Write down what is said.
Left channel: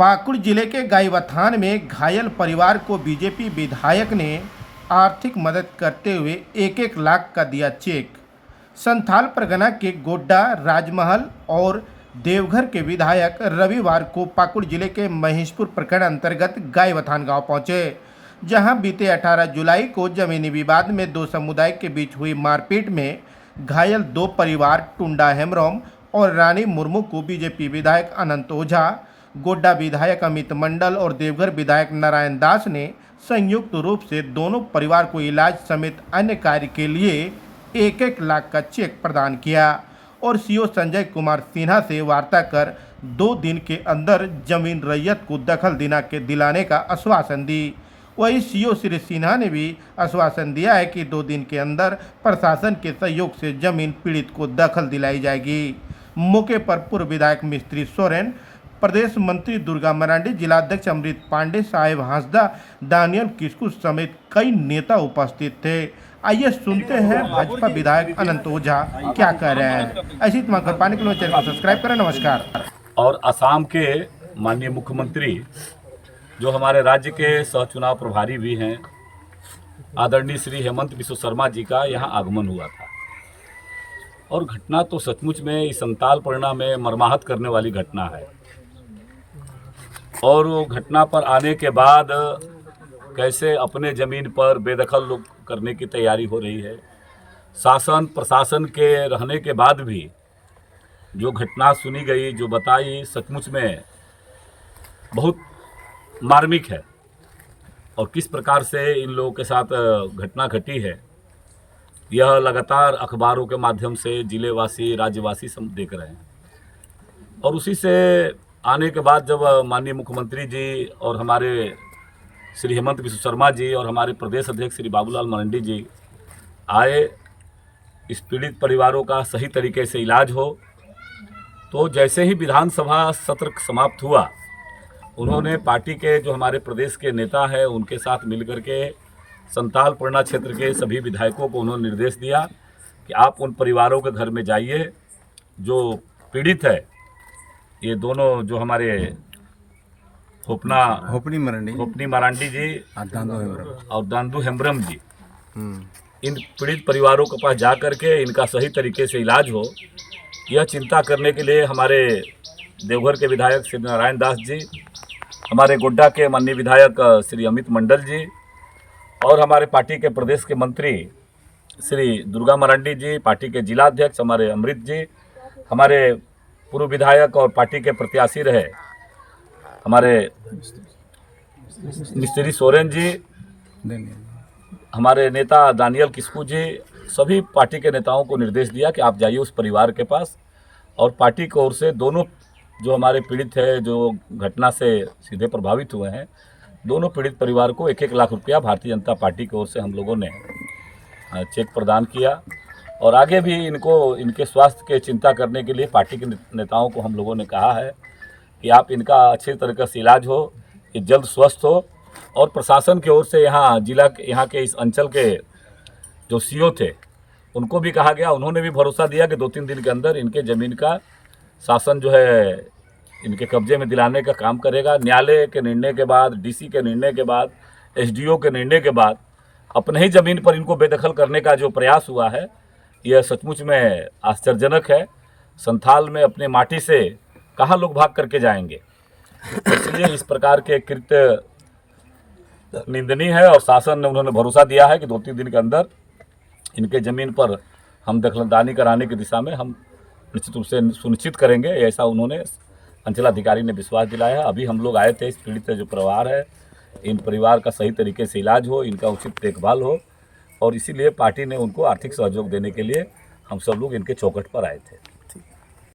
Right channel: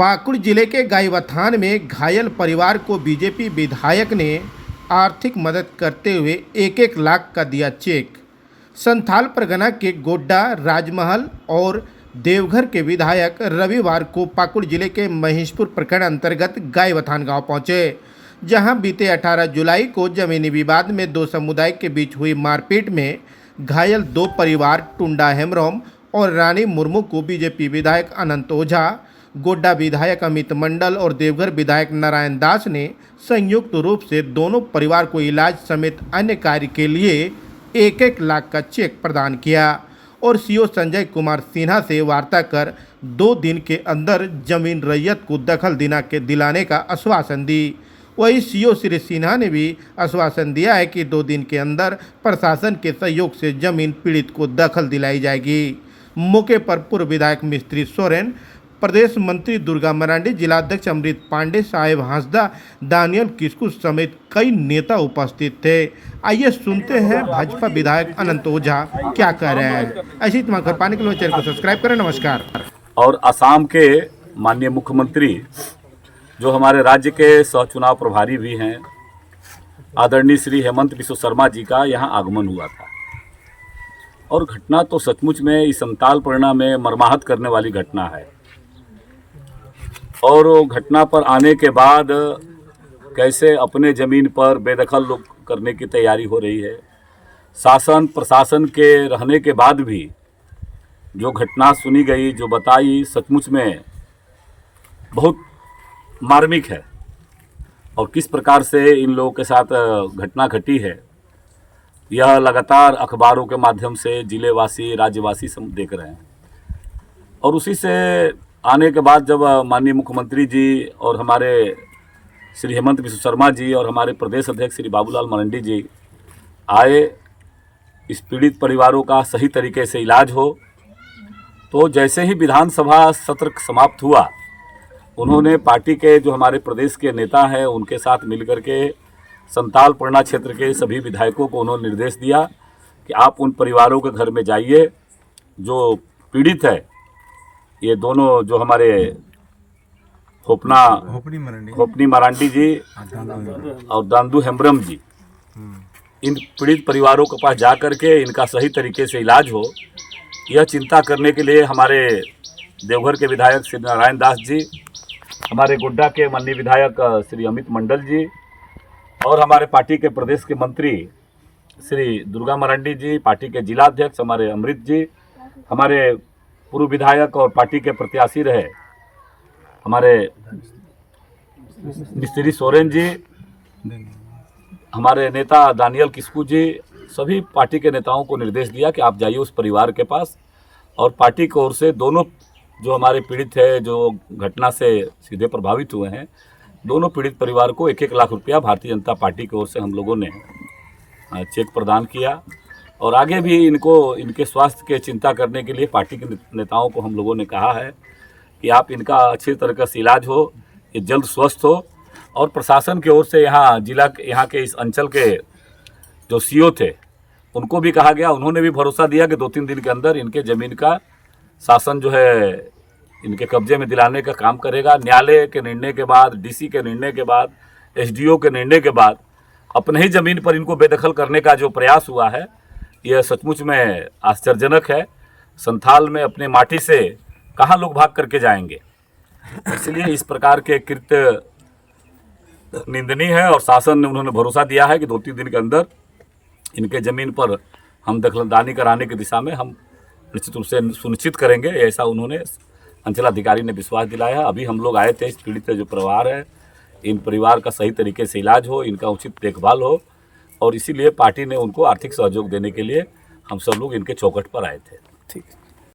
पाकुड़ जिले के गाईबाथान में घायल परिवार को बीजेपी विधायक ने आर्थिक मदद करते हुए 1-1 लाख का दिया चेक। संथाल परगना के गोड्डा, राजमहल और देवघर के विधायक रविवार को पाकुड़ जिले के महेशपुर प्रखंड अंतर्गत गाईबाथान गांव पहुंचे, जहां बीते 18 जुलाई को जमीनी विवाद में दो समुदाय के बीच हुई मारपीट में घायल दो परिवार टुंडा हेम्ब्रम और रानी मुर्मू को बीजेपी विधायक अनंत ओझा, गोड्डा विधायक अमित मंडल और देवघर विधायक नारायण दास ने संयुक्त रूप से दोनों परिवार को इलाज समेत अन्य कार्य के लिए 1-1 लाख का चेक प्रदान किया और सीओ संजय कुमार सिन्हा से वार्ता कर 2 दिन के अंदर जमीन रैयत को दखल दिलाने का आश्वासन दी। वहीं सीओ श्री सिन्हा ने भी आश्वासन दिया है कि 2 दिन के अंदर प्रशासन के सहयोग से जमीन पीड़ित को दखल दिलाई जाएगी। मौके पर पूर्व विधायक मिस्त्री सोरेन, प्रदेश मंत्री दुर्गा मरांडी, जिलाध्यक्ष अमृत पांडे, साहेब हांसदा, दानियल किस्कू समेत कई नेता उपस्थित थे। आइए सुनते हैं भाजपा विधायक अनंत ओझा क्या कह रहे हैं। ऐसी तमाम खबर पाने के लिए चैनल को सब्सक्राइब करें। नमस्कार। और असम के माननीय मुख्यमंत्री जो हमारे राज्य के सह चुनाव प्रभारी भी हैं, आदरणीय श्री हेमंत बिस्व शर्मा जी का यहाँ आगमन हुआ था और घटना तो सचमुच में इस संथाल परगना में मर्माहत करने वाली घटना है। और वो घटना पर आने के बाद कैसे अपने ज़मीन पर बेदखल लोग करने की तैयारी हो रही है। शासन प्रशासन के रहने के बाद भी जो घटना सुनी गई, जो बताई, सचमुच में बहुत मार्मिक है। और किस प्रकार से इन लोगों के साथ घटना घटी है, यह लगातार अखबारों के माध्यम से जिलेवासी, राज्यवासी सब देख रहे हैं। और उसी से आने के बाद जब माननीय मुख्यमंत्री जी और हमारे श्री हेमंत बिस्व शर्मा जी और हमारे प्रदेश अध्यक्ष श्री बाबूलाल मरांडी जी आए, इस पीड़ित परिवारों का सही तरीके से इलाज हो, तो जैसे ही विधानसभा सत्र समाप्त हुआ, उन्होंने पार्टी के जो हमारे प्रदेश के नेता हैं उनके साथ मिलकर के संथाल परगना क्षेत्र के सभी विधायकों को उन्होंने निर्देश दिया कि आप उन परिवारों के घर में जाइए जो पीड़ित है। ये दोनों जो हमारे होपनी मरांडी जी और दांदू हेम्ब्रम जी, इन पीड़ित परिवारों के पास जा कर के इनका सही तरीके से इलाज हो, यह चिंता करने के लिए हमारे देवघर के विधायक श्री नारायण दास जी, हमारे गोड्डा के माननीय विधायक श्री अमित मंडल जी और हमारे पार्टी के प्रदेश के मंत्री श्री दुर्गा मरांडी जी, पार्टी के जिलाध्यक्ष हमारे अमृत जी, हमारे पूर्व विधायक और पार्टी के प्रत्याशी रहे हमारे मिस्त्री सोरेन जी, हमारे नेता दानियल किस्कू जी, सभी पार्टी के नेताओं को निर्देश दिया कि आप जाइए उस परिवार के पास। और पार्टी की ओर से दोनों जो हमारे पीड़ित है, जो घटना से सीधे प्रभावित हुए हैं, दोनों पीड़ित परिवार को 1-1 लाख रुपया भारतीय जनता पार्टी की ओर से हम लोगों ने चेक प्रदान किया। और आगे भी इनको इनके स्वास्थ्य के चिंता करने के लिए पार्टी के नेताओं को हम लोगों ने कहा है कि आप इनका अच्छी तरीके से इलाज हो, ये जल्द स्वस्थ हो। और प्रशासन की ओर से यहाँ के इस अंचल के जो सीओ थे उनको भी कहा गया, उन्होंने भी भरोसा दिया कि 2-3 दिन के अंदर इनके ज़मीन का शासन जो है इनके कब्जे में दिलाने का काम करेगा। न्यायालय के निर्णय के बाद, डीसी के निर्णय के बाद, एसडीओ के निर्णय के बाद अपने ही ज़मीन पर इनको बेदखल करने का जो प्रयास हुआ है, यह सचमुच में आश्चर्यजनक है। संथाल में अपने माटी से कहाँ लोग भाग करके जाएंगे, इसलिए इस प्रकार के कृत्य निंदनीय है। और शासन ने उन्होंने भरोसा दिया है कि 2-3 दिन के अंदर इनके ज़मीन पर हम दखलंदाजी कराने की दिशा में हम निश्चित रूप से सुनिश्चित करेंगे, ऐसा उन्होंने अंचलाधिकारी ने विश्वास दिलाया है। अभी हम लोग आए थे, इस पीड़ित जो परिवार है, इन परिवार का सही तरीके से इलाज हो, इनका उचित देखभाल हो, और इसीलिए पार्टी ने उनको आर्थिक सहयोग देने के लिए हम सब लोग इनके चौखट पर आए थे।